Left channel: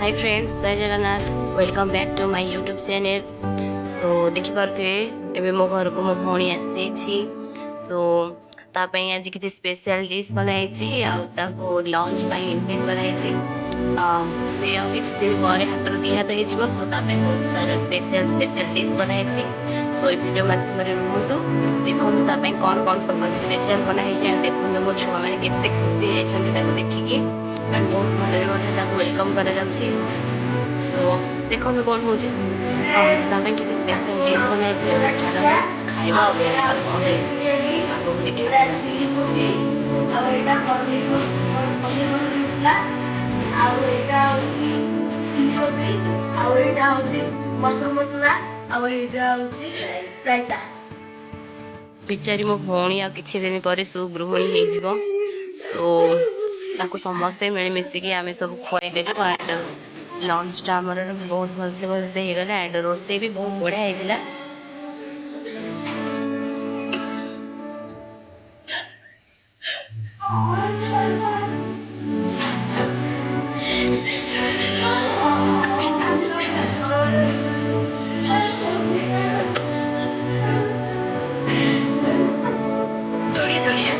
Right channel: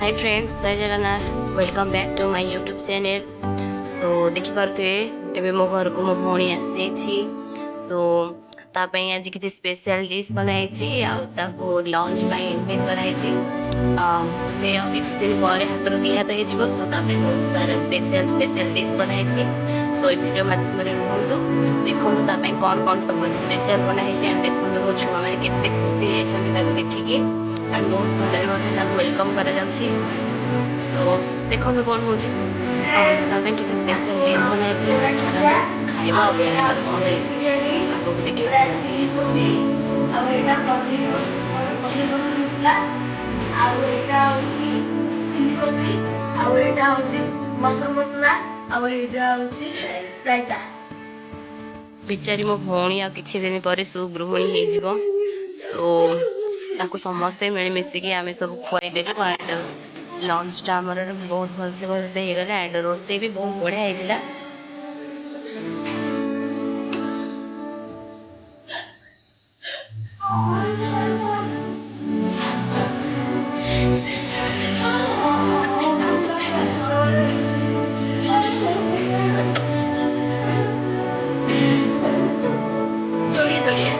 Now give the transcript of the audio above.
हाय friends, जय Jagannath. Welcome back to my YouTube channel. So देखिपे एवं मो घर को मो भौणी आसी। सो तापाई आज किसी स्पेशल डिश बनाई लंच इनवाइट कराई। से किसी दिन पर हाथ दिहात हो सो बहुत सारा स्पेशल स्पेशल डिश बनाई। सो ये वीडियो माध्यम रुहतु देखो कौन कौन सब स्पेशल बनाई देखो मो छुआ मैंने केते खुशी होती देखिकी एंड बहुत भल वेलकम करा। सो देखो कौन हो किसी स्पेशल डिश बनाई खाଇବା आगକୁ ଦେଖିବା। ଆଉ ଏଇଟା ପନିର ମସଲା ଆଉ ଏଇଟା ହଉଛି ଚିଲି କୋବି ଆଉ ଏଇଟା ହଉଛି ମସରୁମ ମସଲା ଆଉ ଏଇଟା ହଉଛି ରାଇତା। ବିଚାରି ମୋ ଭଉଣୀ ଆଉ କିଛି ଦିନ ପରେ ସୁଗୃହିଣୀ ହେଇଯିବ। ସୋ ତାକୁ ସମସ୍ତେ ମିଳିମିଶିକି ଆମେ ସବୁ ଖୁଆଇଦେଲୁ ଆଣ୍ଡ ଲଞ୍ଚଟା ଆମର ବହୁତ ଭଲସେ ହେଇଗଲା ଆଣ୍ଡ ରୋଷେଇ ବି ବହୁତ ବଢ଼ିଆ ହେଇଥିଲା। चलिए